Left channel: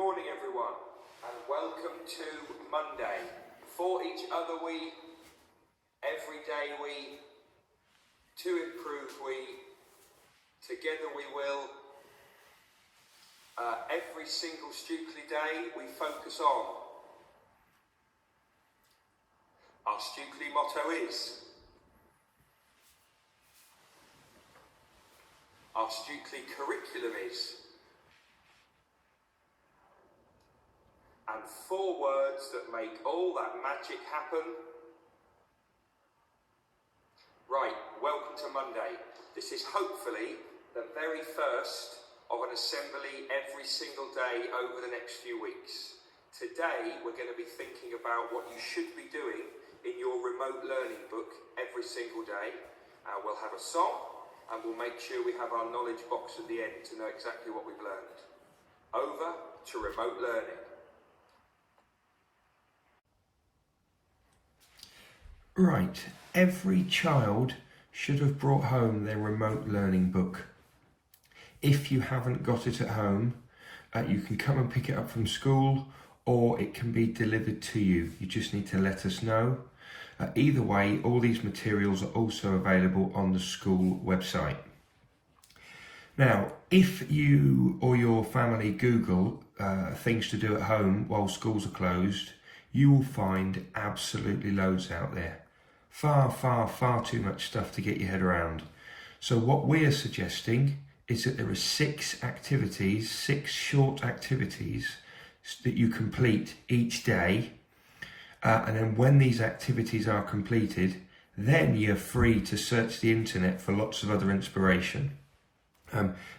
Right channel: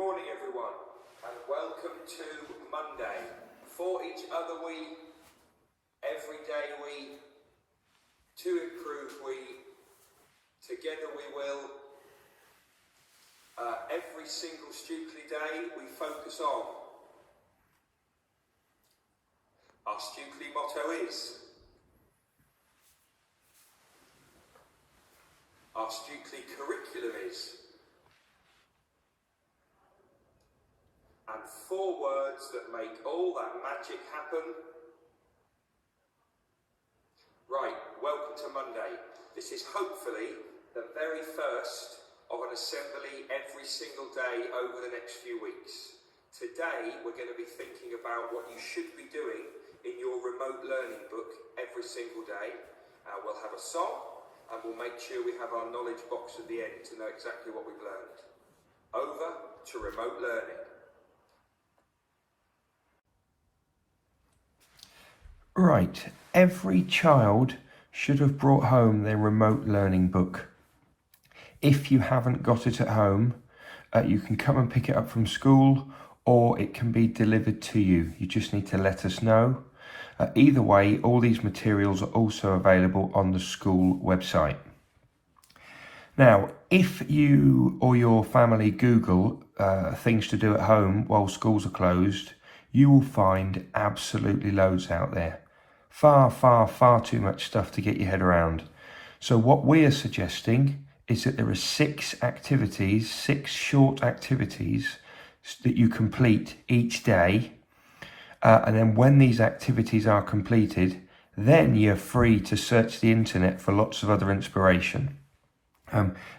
morning everyone, and welcome to Monday. For each other we, every day we, to improve we, together we will. Every single Stukeley day we focus on. Our Stukeley motto is, our Stukeley curriculum is, and 4 words that make all that magic happen. Right, welcome to Monday. This is hopefully the very first of an assembly every single day over the next few weeks. Today we're going to be thinking about what you should be doing in your remote learning book every single day. We'll have a song and we'll make sure we have our knowledge box at the end to know exactly what we've learned. Over to remote learning. Right, every child should have brought home their remote learning book. If you haven't got it at home, you can come and pick it up from school, or it can be delivered to you. You just need to let us know. Either way, all these materials are also available on the school website. Now, if you or your family Google things to do at home while schools are closed, you will find absolutely loads out there. Far too much stuff to get your head around. So what we are suggesting is that there are 6 activities, 6 short activities that you complete each day. And then when these activities are completed, then you're free to search the internet for lots of other inspiration.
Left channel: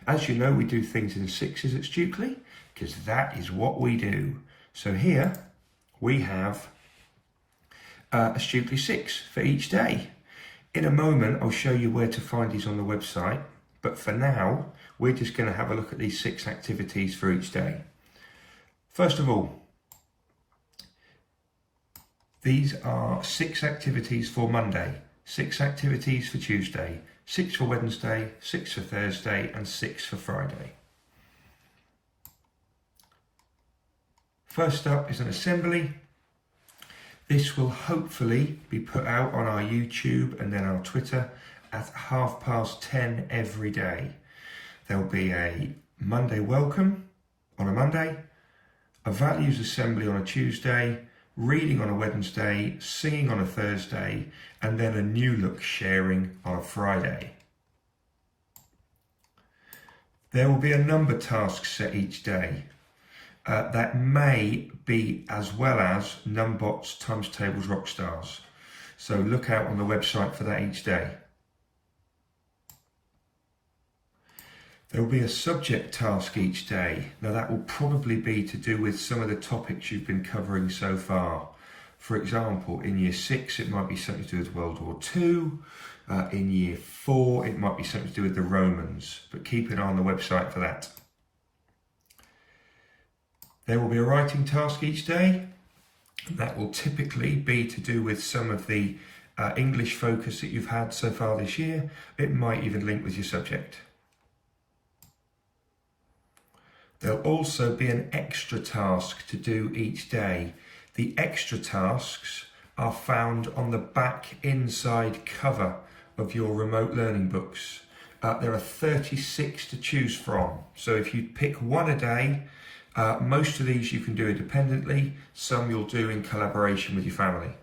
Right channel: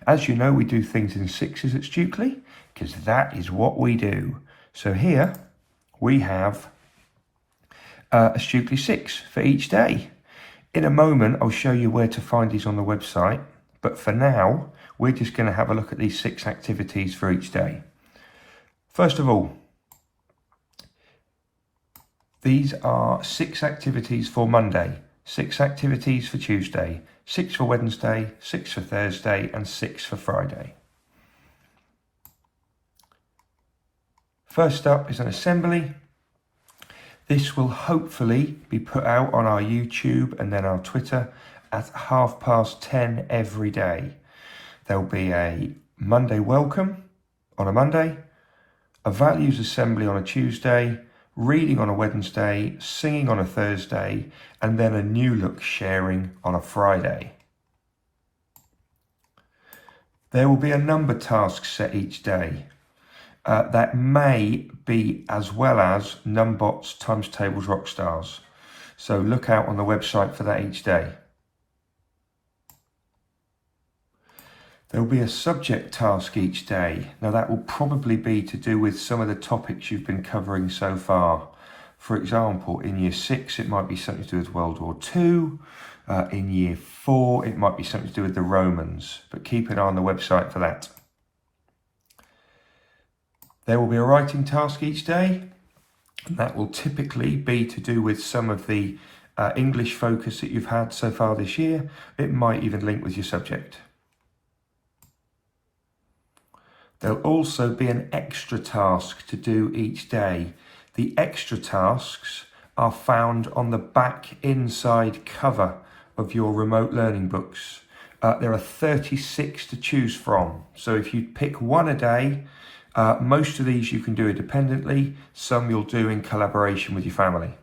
As you know, we do things in 6s at Stukeley, because that is what we do. So here we have a Stukeley 6 for each day. In a moment, I'll show you where to find these on the website. But for now, we're just going to have a look at these 6 activities for each day. First of all, these are 6 activities for Monday, 6 activities for Tuesday, 6 for Wednesday, 6 for Thursday, and 6 for Friday. First up is an assembly. This will hopefully be put out on our YouTube and then our Twitter at 10:30 every day. There'll be a Monday welcome on a Monday, a values assembly on a Tuesday, reading on a Wednesday, singing on a Thursday, and then a new look sharing on a Friday. There will be a number task set each day. That may be as well as Numbots, Times Tables, Rockstars. So look out on the website for that each day. There will be a subject task each day. Now that will probably be to do with some of the topics you've been covering so far. For example, in Year 6 it might be something to do with World War II. In Year 4 it might be something to do with the Romans. But keep an eye on the website for that. There will be a writing task each day. That will typically be to do with some of the English focus that you've had so far this year. It might even link with your subject. There'll also be an extra task to do each day. The extra tasks are found on the back inside cover of your remote learning books. There are 36 to choose from. So if you pick one a day, most of these you can do independently. Some you'll do in collaboration with your family.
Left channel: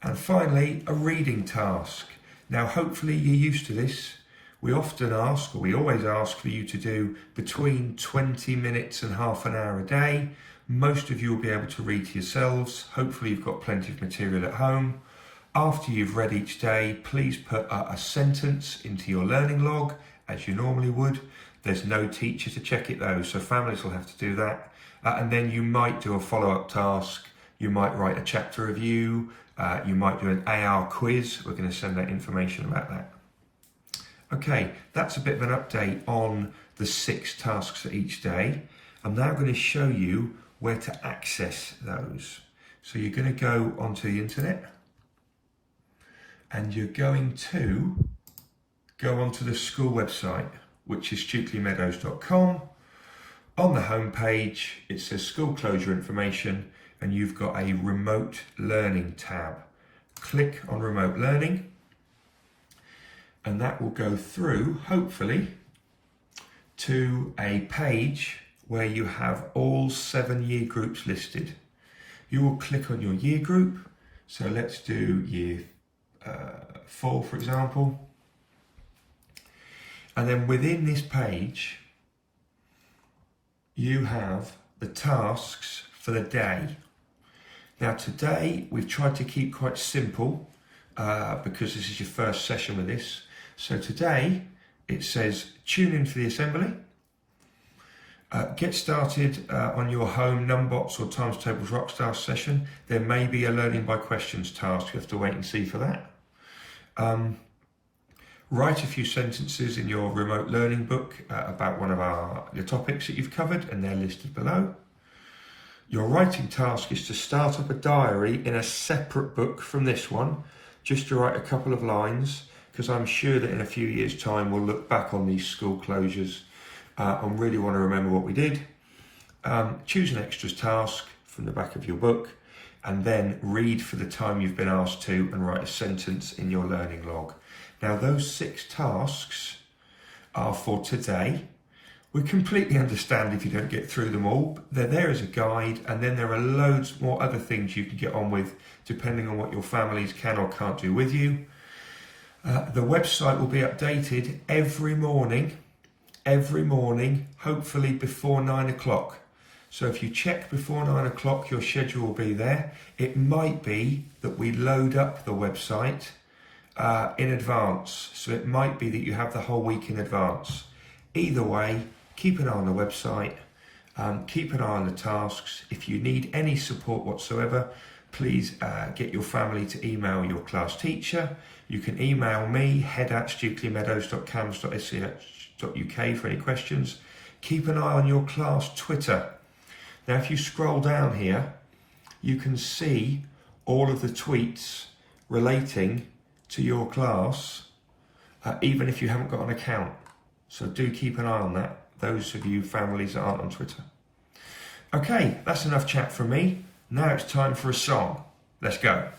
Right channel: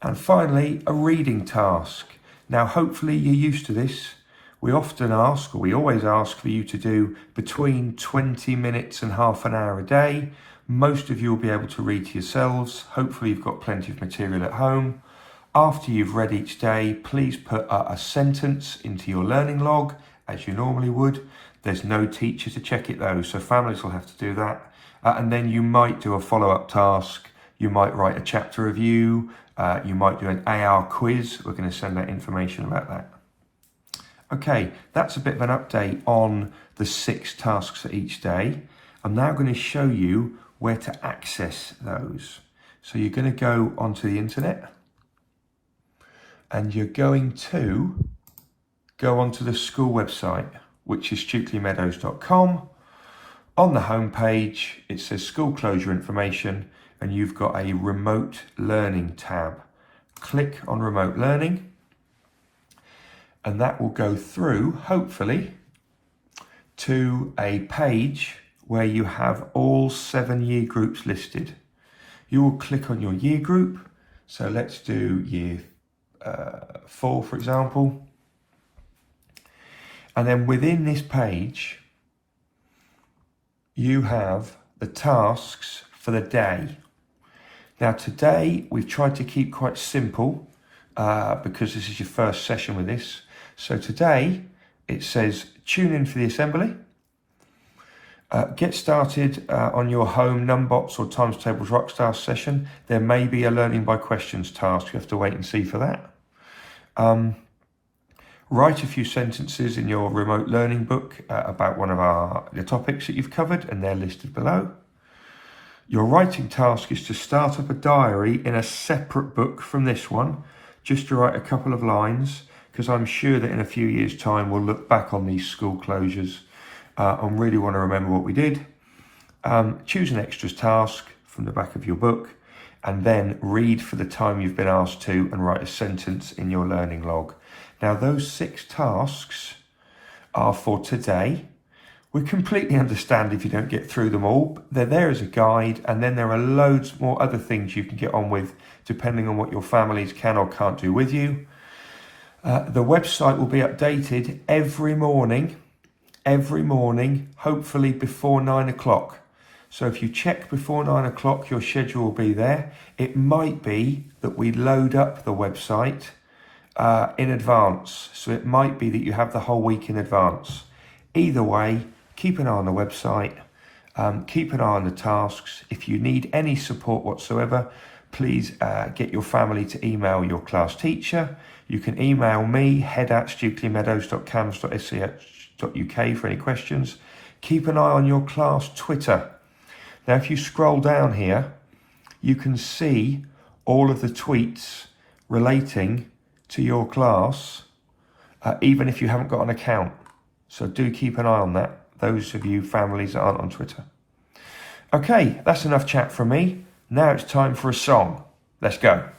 And finally, a reading task. Now, hopefully you're used to this. We often ask, or we always ask for you to do between 20 minutes and half an hour a day. Most of you will be able to read to yourselves. Hopefully you've got plenty of material at home. After you've read each day, please put a sentence into your learning log, as you normally would. There's no teacher to check it though, so families will have to do that. And then you might do a follow-up task. You might write a chapter review. You might do an AR quiz. We're going to send out information about that. Okay, that's a bit of an update on the 6 tasks for each day. I'm now going to show you where to access those. So you're going to go onto the internet and you're going to go onto the school website, which is stukeleymeadows.com. On the home page, it says school closure information, and you've got a remote learning tab. Click on remote learning, and that will go through, hopefully, to a page where you have all 7 year groups listed. You will click on your year group. So let's do year 4, for example. And then within this page, you have the tasks for the day. Now today, we've tried to keep quite simple because this is your first session with this. So today, it says tune in for the assembly. Get started on your home Numbots or Times Tables Rockstar session. There may be a learning by questions task. You have to wait and see for that. Write a few sentences in your remote learning book about one of the topics that you've covered, and they're listed below. Your writing task is to start up a diary in a separate book from this one, just to write a couple of lines, because I'm sure that in a few years' time we'll look back on these school closures and really want to remember what we did. Choose an extras task from the back of your book, and then read for the time you've been asked to and write a sentence in your learning log. Now those 6 tasks are for today. We completely understand if you don't get through them all. They're there as a guide, and then there are loads more other things you can get on with depending on what your families can or can't do with you. The website will be updated every morning, hopefully before 9 o'clock. So if you check before 9 o'clock, your schedule will be there. It might be that we load up the website in advance. So it might be that you have the whole week in advance. Either way, keep an eye on the website, keep an eye on the tasks. If you need any support whatsoever, please get your family to email your class teacher. You can email me, head@stukeleymeadows.cams.sch.uk for any questions. Keep an eye on your class Twitter. Now, if you scroll down here, you can see all of the tweets relating to your class, even if you haven't got an account. So do keep an eye on that, those of you families that aren't on Twitter. Okay, that's enough chat from me. Now it's time for a song. Let's go.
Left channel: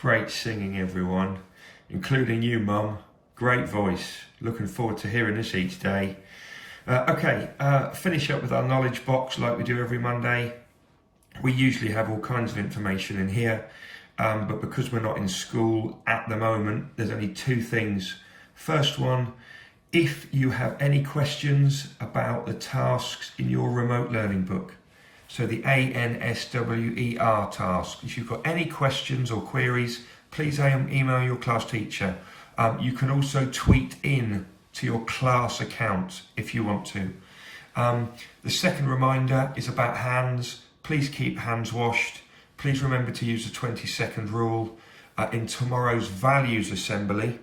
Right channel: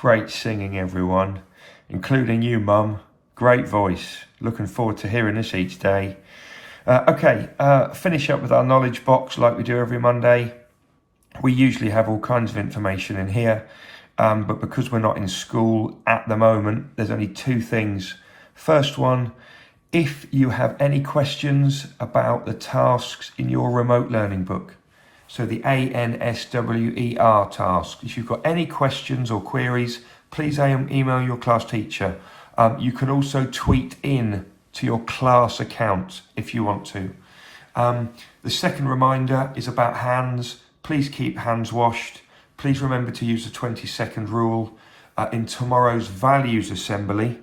Great singing, everyone, including you, Mum. Great voice. Looking forward to hearing this each day. Finish up with our knowledge box like we do every Monday. We usually have all kinds of information in here, but because we're not in school at the moment, there's only two things. First one, if you have any questions about the tasks in your remote learning book, so the ANSWER task, if you've got any questions or queries, please email your class teacher. You can also tweet in to your class account if you want to. The second reminder is about hands. Please keep hands washed. Please remember to use the 20-second rule. In tomorrow's values assembly,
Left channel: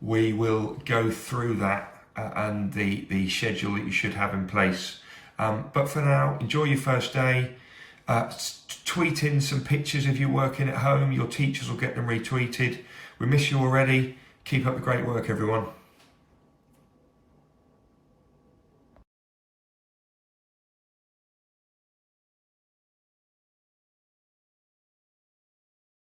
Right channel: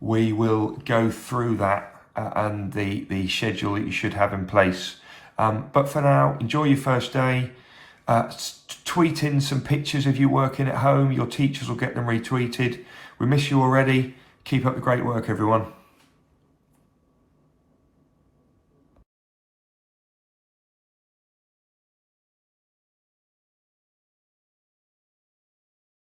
we will go through that and the schedule that you should have in place. But for now, enjoy your first day. Tweet in some pictures of you working at home. Your teachers will get them retweeted. We miss you already. Keep up the great work, everyone.